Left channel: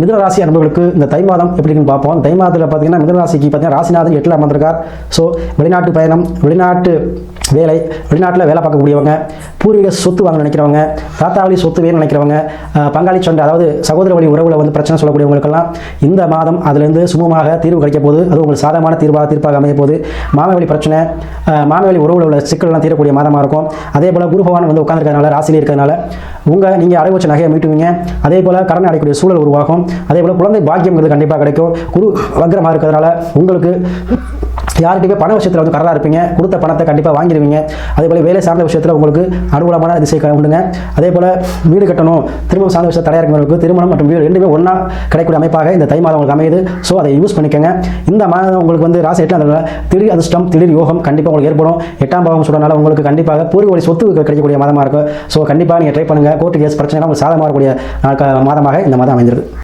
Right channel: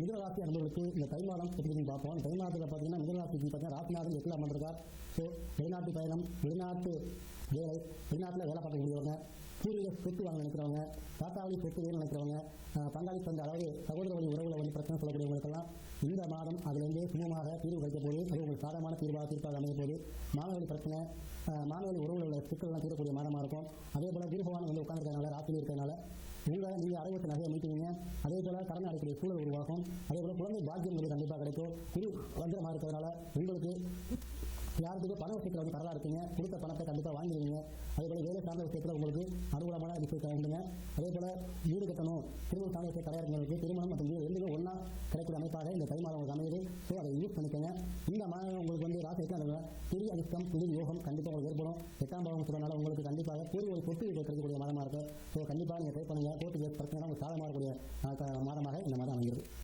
மிதுன ராசி அன்பர்களுக்கு இந்த தை மாதம் எப்படி இருக்குன்னு பார்ப்போம். தை மாதத்தில் பார்த்தீங்கன்னா மிதுன ராசிக்கு பார்த்தீங்கன்னா ராசிநாதன் 8ல் அமர்ந்திருக்கார். ஸோ வெளிநாட்டு பயணம், வெளிநாட்டு வேலை, வெளிநாட்டில் வேலை பார்க்கக்கூடியவங்க, பூர்வீக சொத்து வாங்க நினைக்கிறவங்க, தாத்தா வழி சொத்து வேணும்னு நினைக்கிறவங்க, பங்காளி சண்டை அதாவது சகோதர வழி உறவில் வந்து பிரச்சனை சொல்லக்கூடியவங்களுக்கெல்லாம் இந்த மாதம் அதிலிருந்து சுமூகமாக தீர்வு கிடைக்க போது. அது உங்களுக்கு சாதகமான தீர்ப்பாக அமைய போது. மாமவழி பிரச்சனை, மாமவழி உறவில் உள்ள சிக்கல்லாம் தீரக்கூடிய மாதமாக இருக்கும். அதே போல் குரு பகவான் வந்து உட்கார்ந்துருக்கிறதுனால, ராசியிலே இருக்கிறதுனால நீங்கள் அடகு வச்ச நகையை மீட்டுவீங்க. அதே போல் கடன் அடையக்கூடிய சூழல் உருவாகும். அதே போல் குழந்தை பாக்கியங்கிறது கண்டிப்பாக கிடைக்கும். குரு வக்ரமாக இருக்கிறதுனால உங்களுக்கு யார்கிட்டயுமே பண விஷயத்தில் வந்து கரலாக இருப்பீங்க. கொடுத்த பணத்தை கண்டிப்பாக வாங்கிடுவீங்க. அதே போல் வேலை சார்ந்த விஷயத்தில் உங்களுக்கு அனுகூலமான திசை உண்டுங்க. அதே போல் வீடு கட்டணும், திருமணம் சார்ந்த விஷயத்தில் தடையாக இருக்கிறவங்களுக்கு திருமணம் மற்றும் வீடு ரெண்டுமே ஒன்றா கிடைக்கக்கூடிய அமைப்பாக இந்த தை மாதம் உங்களுக்கு அமையுது. ஸோ அதை யூஸ் பண்ணிக்கோங்க. இந்த மாதம் உங்களுக்கு வந்து ராசி 8ல் அந்த திடீர் அதிர்ஷ்டம், திடீர் யோகம் கண்டிப்பாக உங்களுக்கு ஏற்படும். 8ஆம் பாவம் சொல்றதுனால உங்களுக்கு கண்டிப்பாக பூர்வ வழி சொத்து கிடைக்கக்கூடிய மாதமாக இருக்கும். ஸோ கண்டிப்பாக நீங்கள் ட்ரை பண்ணுங்கள். கோர்ட்டு கேஸ் பிரச்சனை உங்களுக்கு சாதகமாக இருக்கக்கூடிய மாதமாக இந்த மாதம் அமைந்திருக்கு.